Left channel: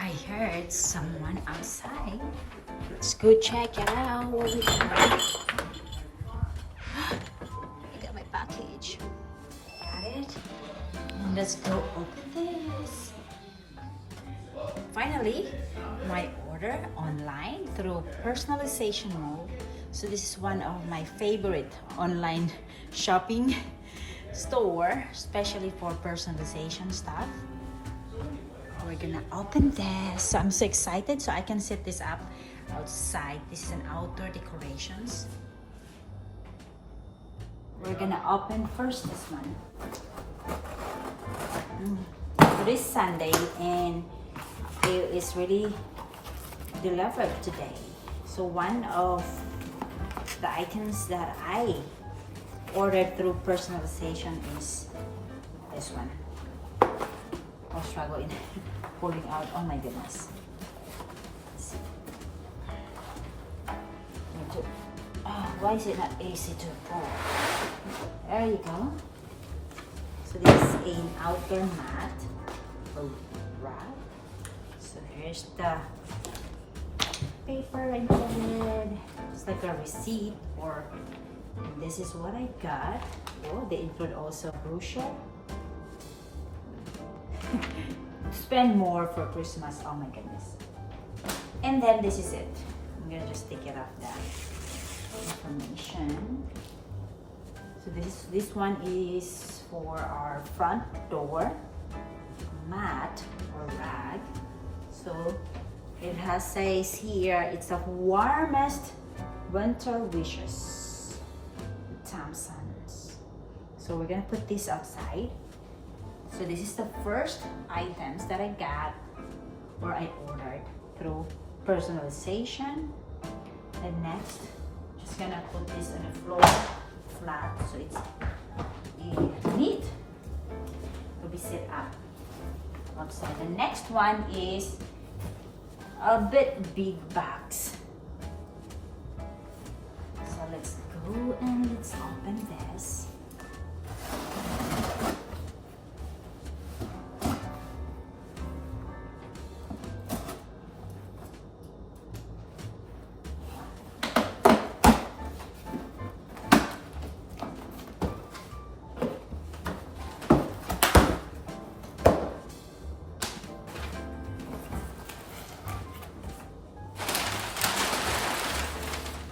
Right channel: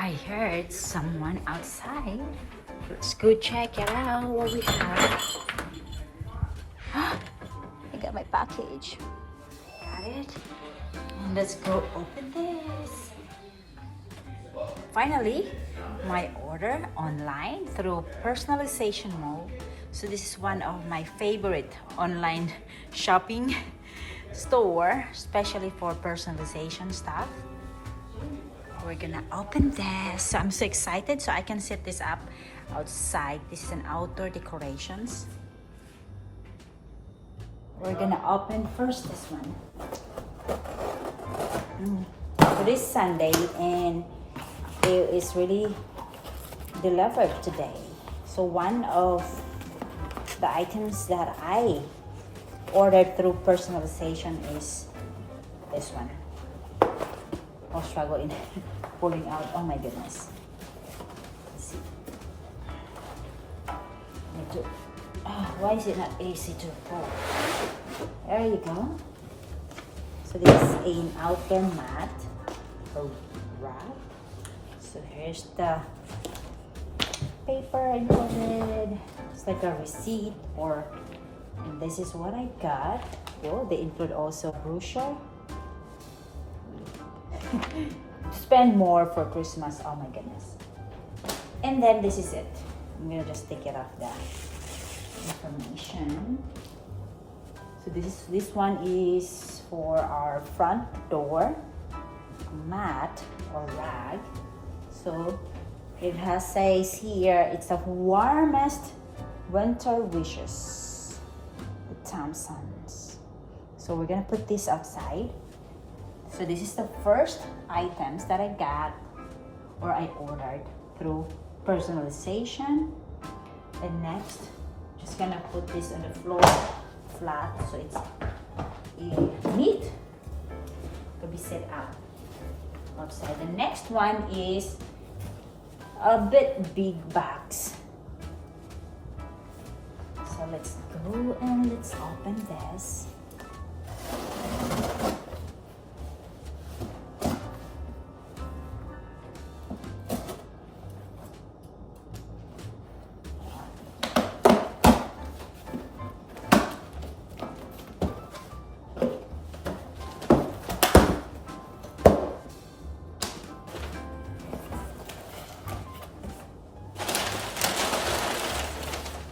I heard someone outside. Let's go check it out what we got. I got my package. Got it. And let's go open this. Finally, my order online through Personalization Mall. So this is one of my favorite online shopping store, especially for personalization stuff. We're gonna open this. So I'm so excited. So I can set this up outside. This is an outdoor decorations. We're gonna open first this one. So this Sunday, and it is really delivered today. So one of the items that I ordered through personalization is this one. I'll struggle in pulling out. Oh my goodness. Let's see. Why is it not easy to pull? There you go. So this is an outdoor mat. Oh, right. So here's the paper included. It's like a receipt, and this is what I got. Oh, they include also brochure. Spend more for Christmas. Oh my goodness. And then this is it. I'm gonna just take it off the information. So this one is for our front door mat or rag. So it says here, it's the warmest winter wishes, the Thompsons. So we're gonna put this outside. So this is the first items that I got or I ordered through personalization. And next, just gonna put this on the floor flat so it's neat to be set up outside. The next one is a bit big box. So let's go and let's open this.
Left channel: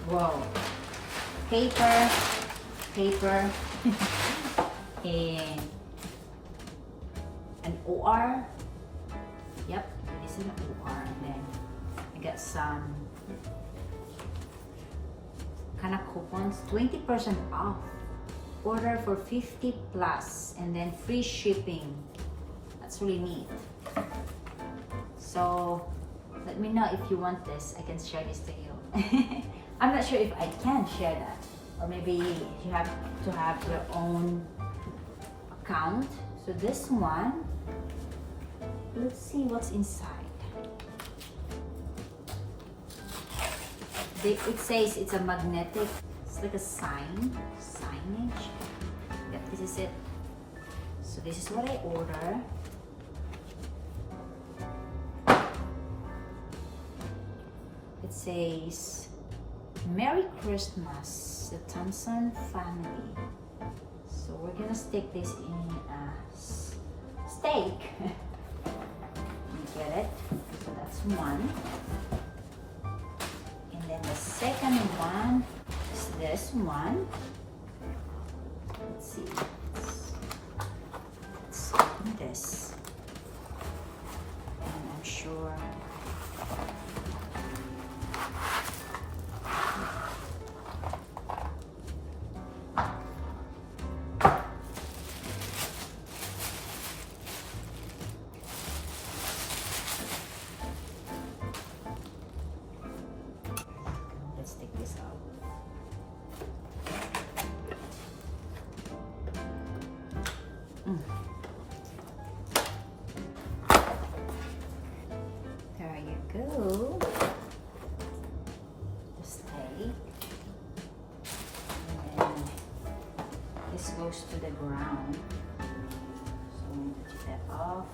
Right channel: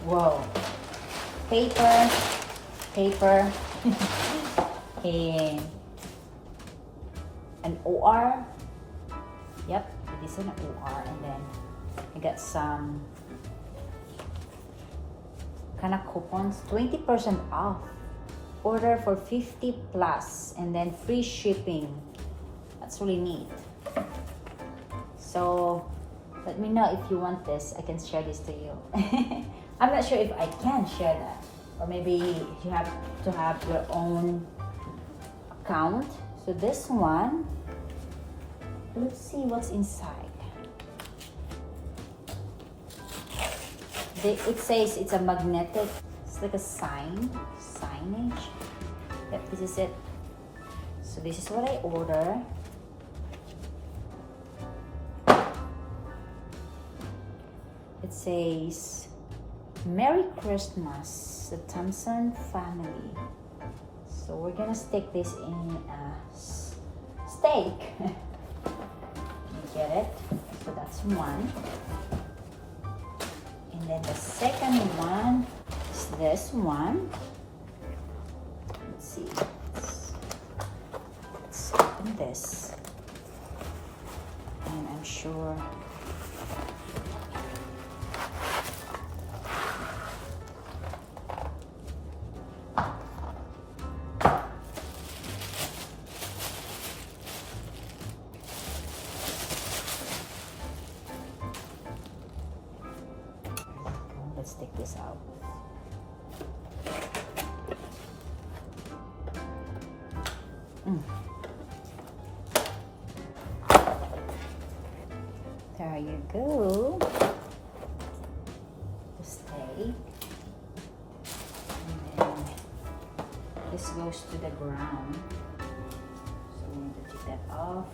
Whoa, paper, and an OR. Yep, this is an OR, and then I got some kind of coupons, 20% off. Order for 50 plus, and then free shipping. That's really neat. So let me know if you want this. I can share this to you. I'm not sure if I can share that, or maybe you have to have your own account. So this one, let's see what's inside. It says it's a magnetic, it's like a signage. Yep, this is it. So this is what I order. It says, Merry Christmas, the Thompson family. So we're gonna stick this in a steak. You get it? So that's one. And then the second one is this one. Let's see. Let's open this. And I'm sure let's take this out. There you go. The steak. And then this goes to the ground. So we need to take that off.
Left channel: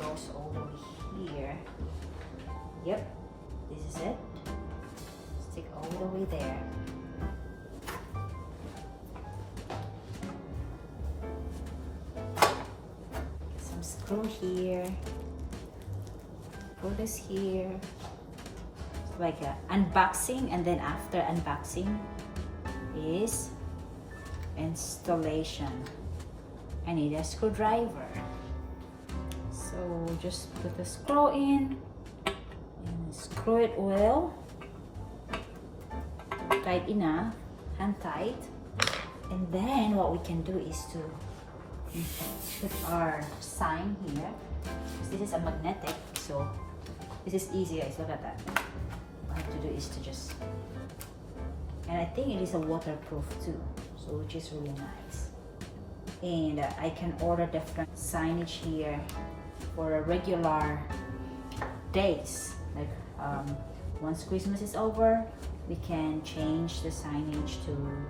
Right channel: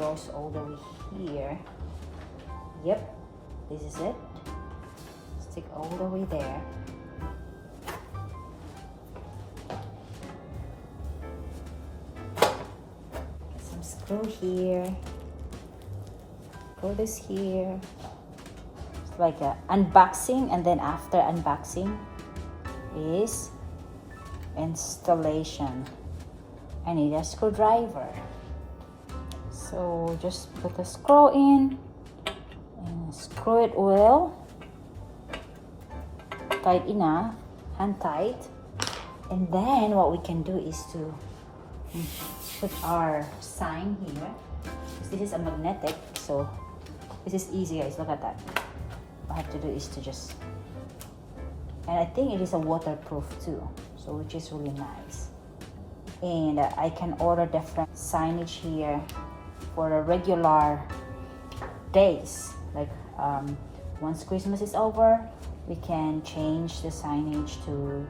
goes all the way here. Yep, this is it. Stick all the way there. Get some screw here. Screw this here. It's like a unboxing, and then after unboxing is installation. I need a screwdriver. So just put the screw in and screw it well. Tight enough, hand tight. And then what we can do is to put our sign here. This is a magnetic, so this is easy, guys. Look at that. What I have to do is to just, and I think it is a waterproof too, so which is really nice. And I can order different signage here for the regular days. Like once Christmas is over, we can change the signage to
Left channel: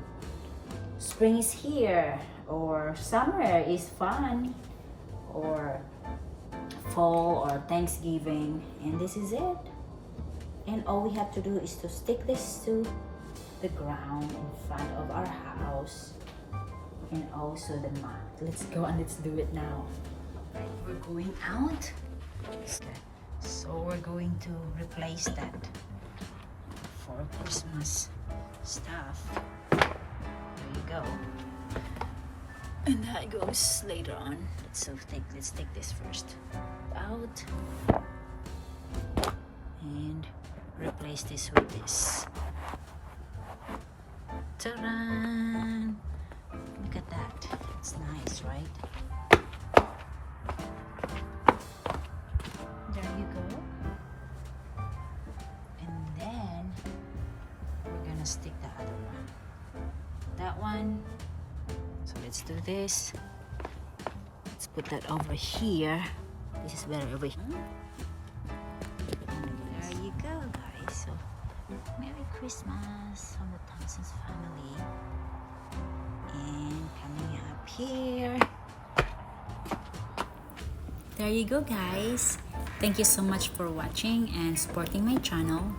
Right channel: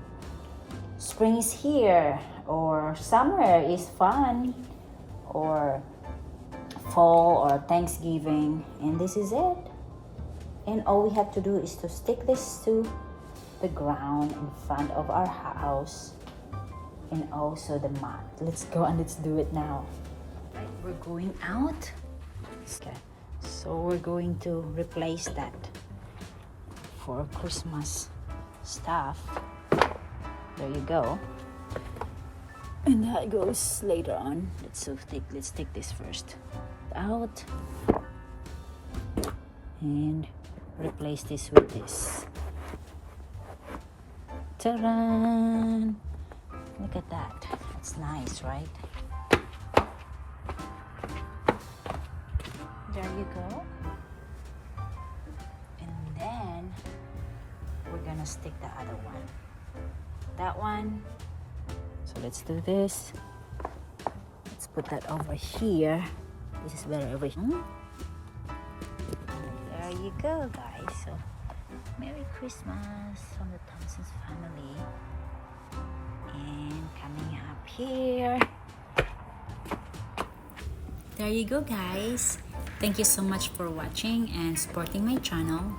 spring is here, or summer is fun, or fall, or Thanksgiving, and this is it. And all we have to do is to stick this to the ground in front of our house, and also the mat. Let's go and let's do it now. Right, we're going out. Okay, so we're going to replace that for Christmas stuff. There you go. And that goes later on. Let's take this first out and replace this with this. Ta-da! Look at that. It's nice, right? There you go. And then we're gonna stick the other one. That one. So let's do this. Let's put that over here. This is better over here. There you go, guys. So Merry Christmas from the Thompson's family. And coming up here. There you go, guys. Thank you so much for watching and supporting my channel.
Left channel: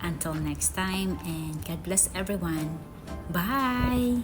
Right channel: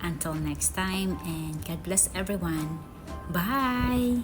Until next time, and God bless everyone. Bye!